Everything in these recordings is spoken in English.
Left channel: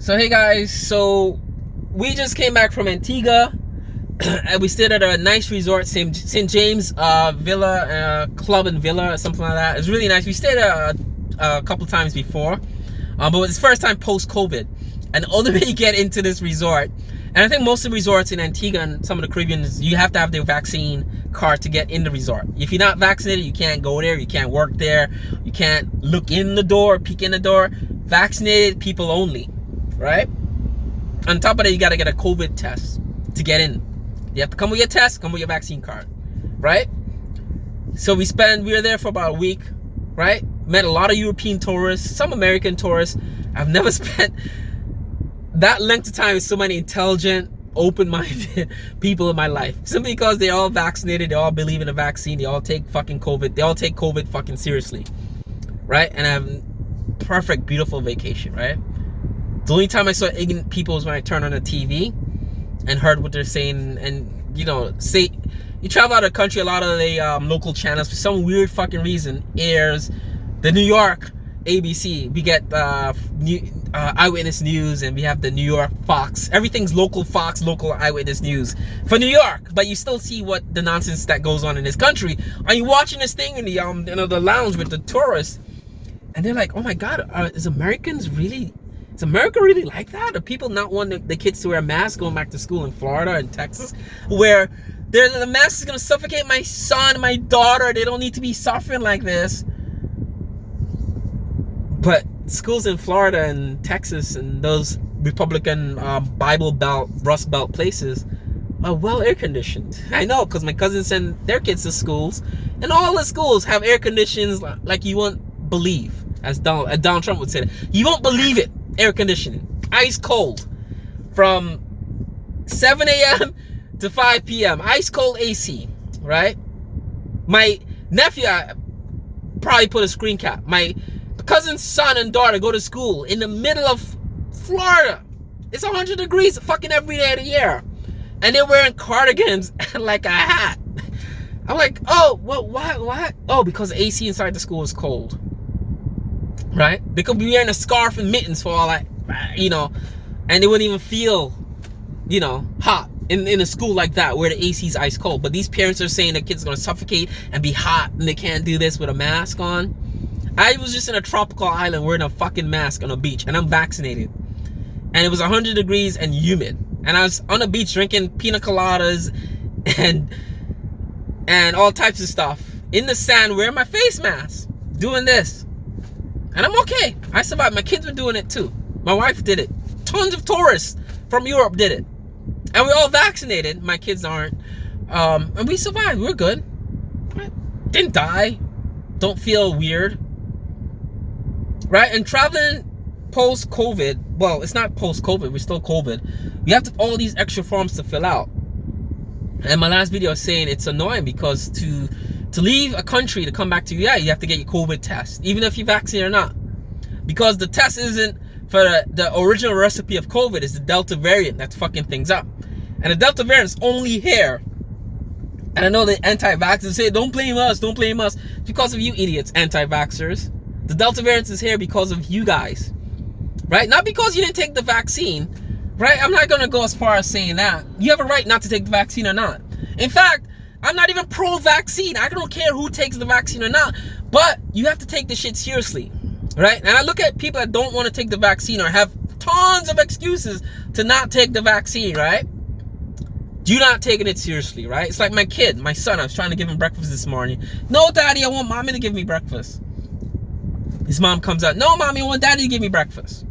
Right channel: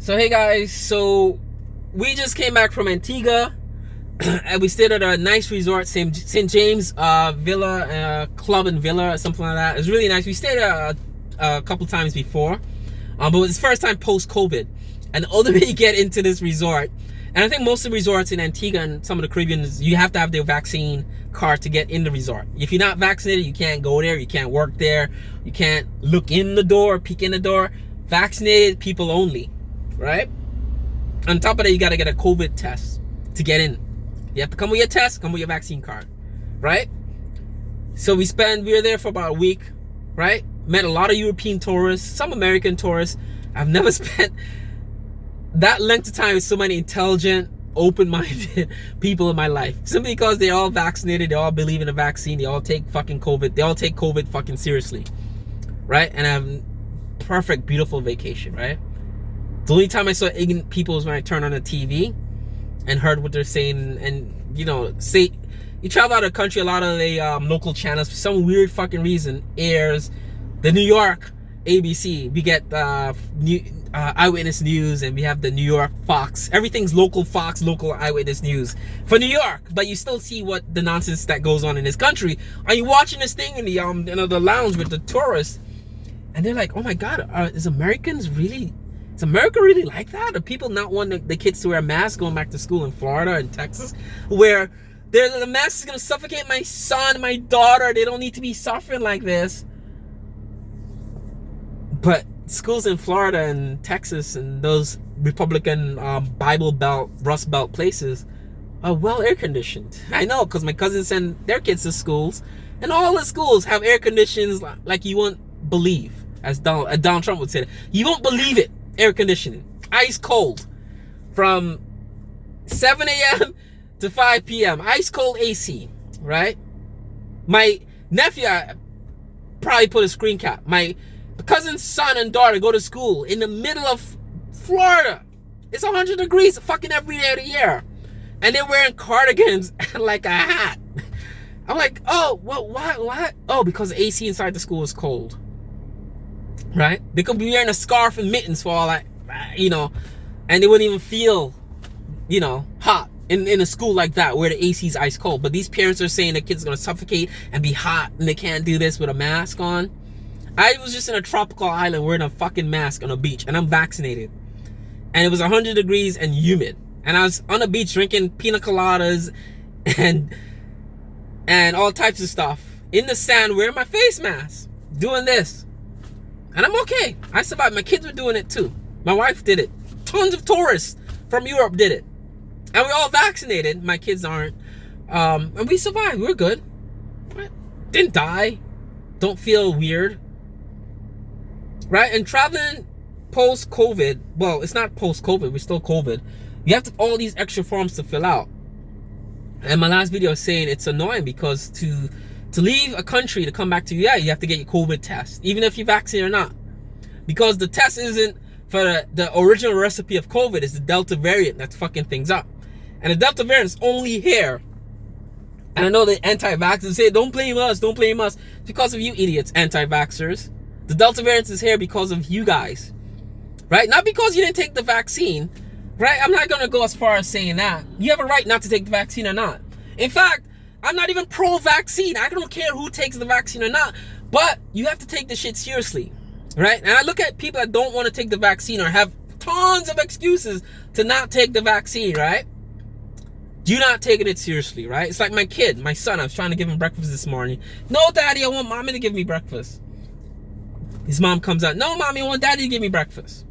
So hey guys, so we just came back from Antigua and we stayed at a nice resort, St. James Villa, Club and Villa or something like that. It was really nice. We stayed a couple times before, but it's the first time post-COVID. And the older you get into this resort, and I think most of the resorts in Antigua and some of the Caribbean, you have to have their vaccine card to get in the resort. If you're not vaccinated, you can't go there, you can't work there, you can't look in the door, peek in the door. Vaccinated people only. Right? On top of that, you got to get a COVID test to get in. You have to come with your test, come with your vaccine card. Right? So we were there for about a week. Right? Met a lot of European tourists, some American tourists. I've never spent that length of time with so many intelligent, open-minded people in my life. Simply because they're all vaccinated, they all believe in the vaccine, they all take fucking COVID, they all take COVID fucking seriously. Right? And I have a perfect, beautiful vacation. Right? The only time I saw ignorant people was when I turned on the TV and heard what they're saying. And you travel out of the country, a lot of the local channels for some weird fucking reason airs the New York ABC. We get Eyewitness News, and we have the New York Fox. Everything's local Fox, local Eyewitness News for New York, but you still see what the nonsense that goes on in this country. Are you watching this thing in the the lounge with the tourists? And they're like, oh my God, is America really like that? Do people not want the kids to wear masks going back to school in Florida and Texas, where the mask is going to suffocate my son, my daughter? They don't need to be suffering like this. But schools in Florida and Texas and those Republican Bible Belt, Rust Belt places are well air conditioned. I know, because my cousins send their kids to schools, and all the schools have air conditions like you won't believe, as Donald Trump would say. You won't believe it. Air conditioning, ice cold, from 7 a.m. to 5 p.m. Ice cold AC, right? My nephew, I probably put a screen cap. My cousin's son and daughter go to school in the middle of Florida. It's 100 degrees fucking every day of the year, and they're wearing cardigans and like a hat. I'm like, oh, what? Oh, because the AC inside the school is cold. Right? They could be wearing a scarf and mittens for all that, and they wouldn't even feel, hot in a school like that where the AC is ice cold. But these parents are saying the kids are going to suffocate and be hot and they can't do this with a mask on. I was just in a tropical island wearing a fucking mask on a beach, and I'm vaccinated. And it was 100 degrees and humid. And I was on the beach drinking pina coladas and all types of stuff in the sand wearing my face mask, doing this. And I'm okay. I survived. My kids were doing it too. My wife did it. Tons of tourists from Europe did it. And we're all vaccinated. My kids aren't. And we survived. We're good. Right? Didn't die. Don't feel weird. Right? And traveling post-COVID, well, it's not post-COVID. We're still COVID. You have all these extra forms to fill out. And my last video was saying it's annoying because to leave a country to come back to you have to get your COVID test, even if you're vaccinated or not. Because the test isn't for the original recipe of COVID, is the Delta variant that's fucking things up. And the Delta variant is only here. And I know the anti-vaxxers say, don't blame us. It's because of you idiots, anti-vaxxers. The Delta variant is here because of you guys. Right? Not because you didn't take the vaccine. Right? I'm not going to go as far as saying that. You have a right not to take the vaccine or not. In fact, I'm not even pro-vaccine. I don't care who takes the vaccine or not. But you have to take this shit seriously. Right? And I look at people that don't want to take the vaccine or have tons of excuses to not take the vaccine, right? You're not taking it seriously, right? It's like my kid, my son. I was trying to give him breakfast this morning. No, Daddy, I want Mommy to give me breakfast. His mom comes out. No, Mommy, I want Daddy to give me breakfast.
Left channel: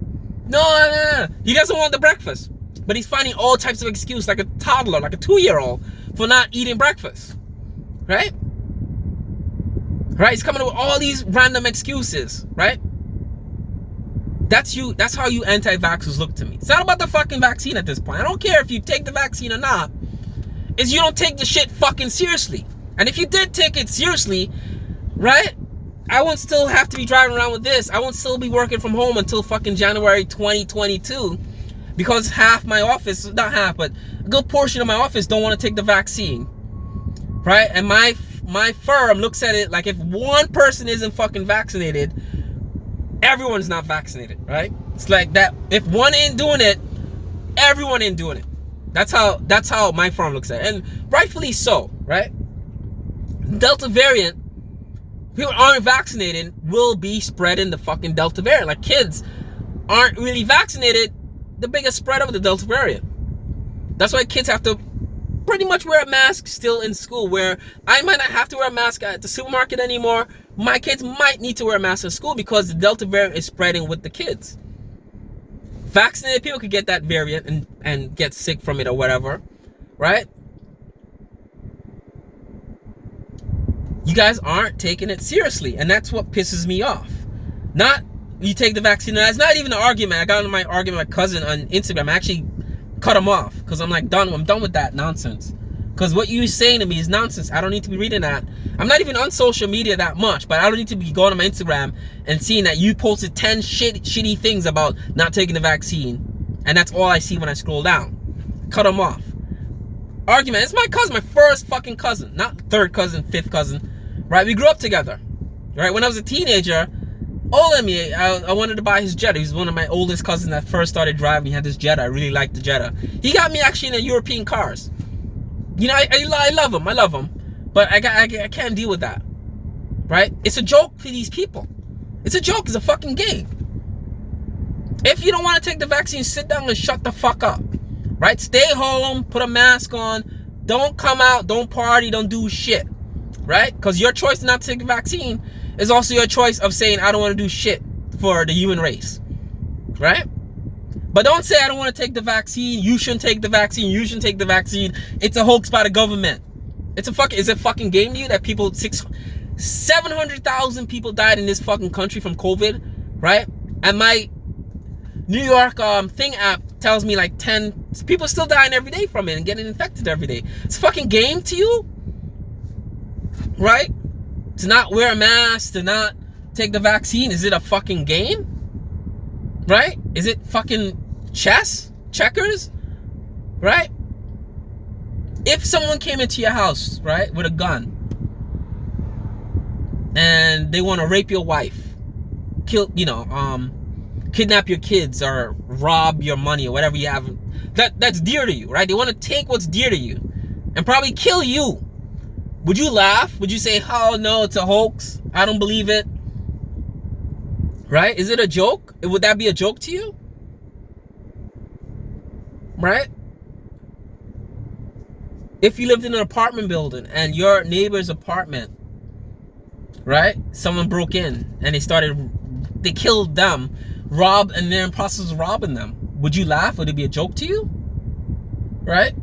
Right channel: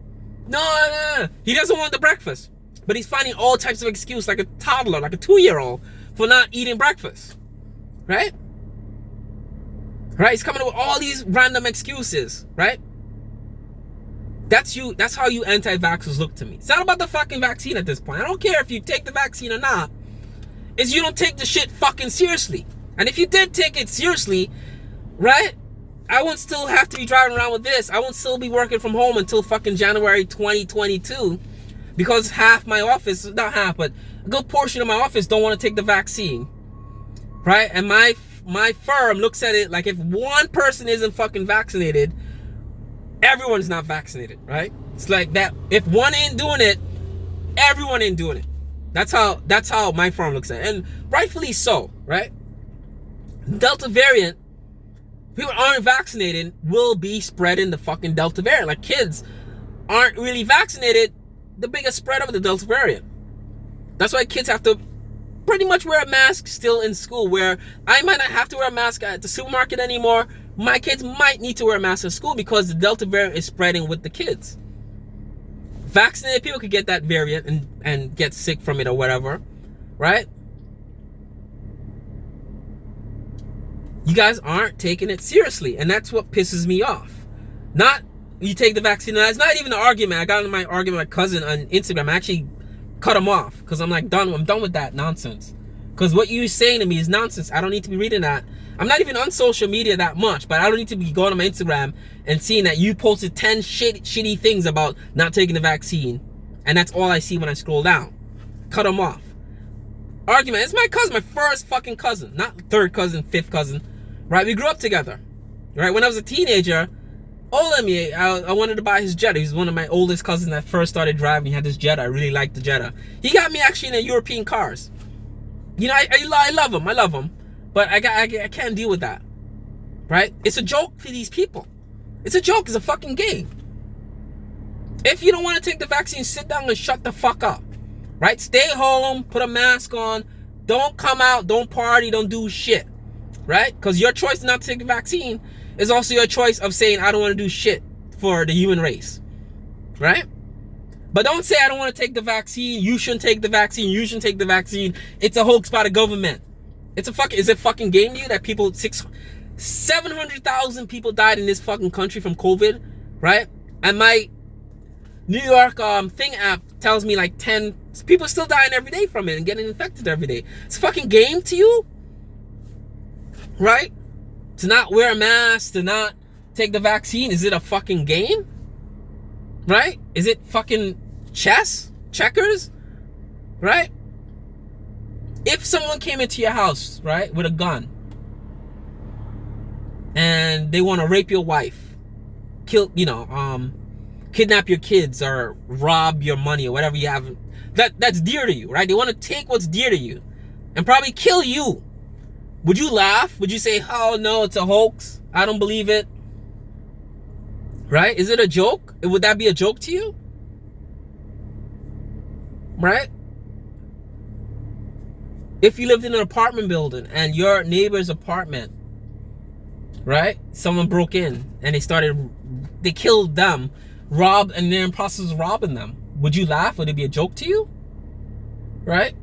No. He doesn't want the breakfast. But he's finding all types of excuses, like a toddler, like a 2-year-old, for not eating breakfast. Right? Right? He's coming up with all these random excuses. Right? That's you. That's how you anti-vaxxers look to me. It's not about the fucking vaccine at this point. I don't care if you take the vaccine or not. It's you don't take the shit fucking seriously. And if you did take it seriously, right? I won't still have to be driving around with this. I won't still be working from home until fucking January 2022. Because half my office, not half, but a good portion of my office don't want to take the vaccine. Right? And my firm looks at it like if one person isn't fucking vaccinated, everyone's not vaccinated, right? It's like that. If one ain't doing it, everyone ain't doing it. That's how my farm looks at it. And rightfully so, right? Delta variant, people aren't vaccinated will be spreading the fucking Delta variant. Like kids aren't really vaccinated, the biggest spread of the Delta variant. That's why kids have to pretty much wear a mask still in school, where I might not have to wear a mask at the supermarket anymore. My kids might need to wear a mask at school because the Delta variant is spreading with the kids. Vaccinated people could get that variant and get sick from it or whatever, right? You guys aren't taking it seriously, and that's what pisses me off. Not you take the vaccine. It's not even an argument. I got into my argument with my cousin on Instagram. I actually cut him off because I'm like, I'm done with that nonsense. Because what you're saying to me is nonsense. I don't need to be reading that. I'm not even on social media that much, but I don't need to be going on my Instagram and seeing that you posted 10 shitty things about not taking the vaccine, and that's all I see when I scroll down. Cut him off. Argument. It's my cousin, my first fucking cousin, not third cousin, fifth cousin, right? We grew up together, right? When I was a teenager, older than me, I wanted to buy his Jetta. He's one of my oldest cousins that first started driving. He had this Jetta. I really liked the Jetta. He got me actually into European cars. You know, I love him. I love him. But I can't deal with that, right? It's a joke for these people. It's a joke. It's a fucking game. If you don't want to take the vaccine, sit down and shut the fuck up, right? Stay home, put a mask on, don't come out, don't party, don't do shit, right? Because your choice not to take the vaccine is also your choice of saying, I don't want to do shit for the human race, right? But don't say, I don't want to take the vaccine, you shouldn't take the vaccine, you shouldn't take the vaccine. It's a hoax by the government. Is it fucking game to you that 700,000 people died in this fucking country from COVID, right? And my New York thing app tells me like 10 people still dying every day from it and getting infected every day. It's a fucking game to you, right? To not wear a mask, to not take the vaccine, is it a fucking game? Right? Is it fucking checkers? Right? If someone came into your house, right, with a gun, and they want to rape your wife, kidnap your kids, or rob your money, or whatever you have, that's dear to you, right? They want to take what's dear to you and probably kill you. Would you laugh? Would you say, oh no, it's a hoax, I don't believe it? Right? Is it a joke? Would that be a joke to you? Right? If you lived in an apartment building and your neighbor's apartment, right, someone broke in and they killed them, robbed, and they're in the process of robbing them, would you laugh? Would it be a joke to you? Right?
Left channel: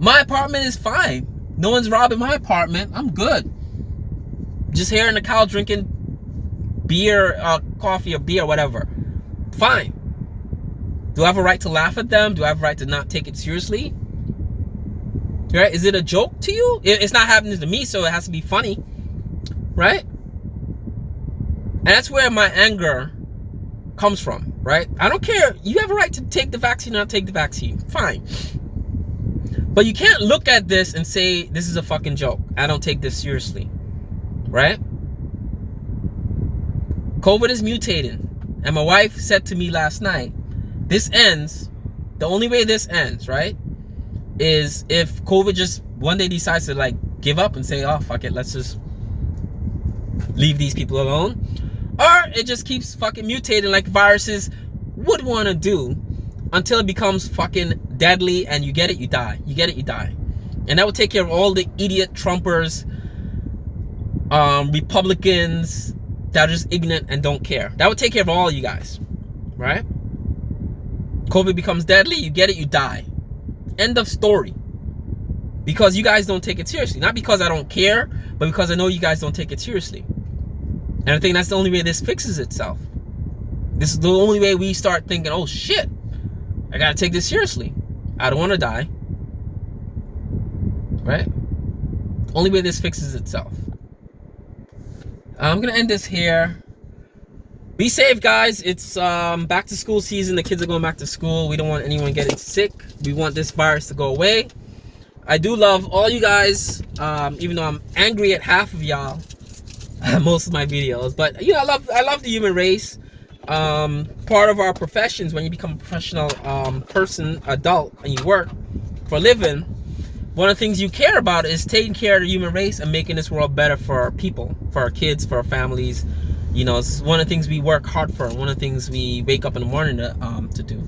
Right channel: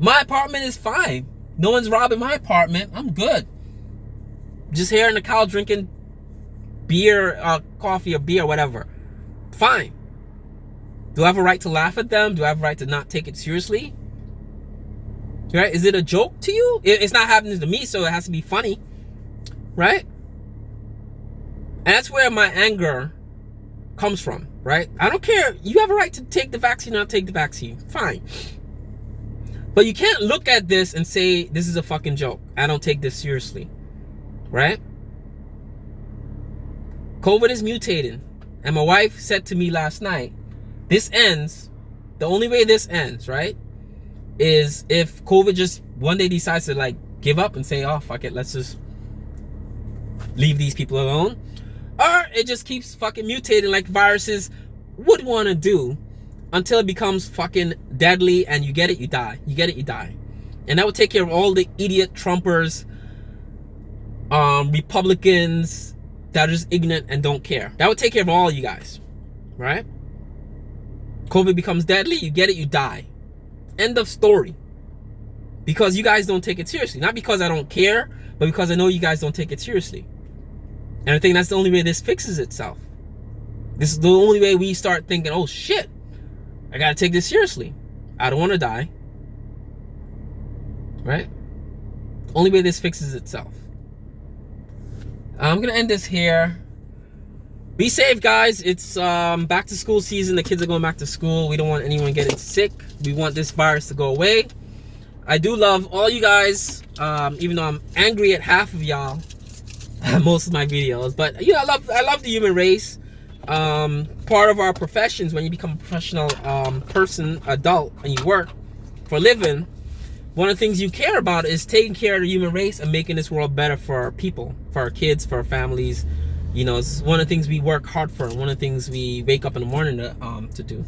My apartment is fine. No one's robbing my apartment. I'm good. Just here on the couch drinking beer, coffee or beer, whatever. Fine. Do I have a right to laugh at them? Do I have a right to not take it seriously? Right? Is it a joke to you? It's not happening to me, so it has to be funny. Right? And that's where my anger comes from, right? I don't care. You have a right to take the vaccine or not take the vaccine. Fine. But you can't look at this and say, this is a fucking joke. I don't take this seriously. Right? COVID is mutating. And my wife said to me last night, this ends, the only way this ends, right, is if COVID just one day decides to like give up and say, oh, fuck it, let's just leave these people alone. Or it just keeps fucking mutating like viruses would want to do until it becomes fucking deadly and you get it, you die. You get it, you die. And that would take care of all the idiot Trumpers, Republicans that are just ignorant and don't care. That would take care of all you guys, right? COVID becomes deadly, you get it, you die. End of story. Because you guys don't take it seriously. Not because I don't care, but because I know you guys don't take it seriously. And I think that's the only way this fixes itself. This is the only way we start thinking, oh shit, I gotta take this seriously. I don't want to die. Right? Only way this fixes itself. I'm gonna end this here. Be safe, guys. It's back to school season. The kids are going back to school. We don't want anyone getting sick. We want this virus to go away. I do love all you guys, even though I'm angry at half of y'all, most of my videos. But you know, I love the human race. part of our professions, when you become a professional adult, and you work for a living, one of the things you care about is taking care of the human race and making this world better for our people, for our kids, for our families. You know, it's one of the things we work hard for, and one of the things we wake up in the morning to do.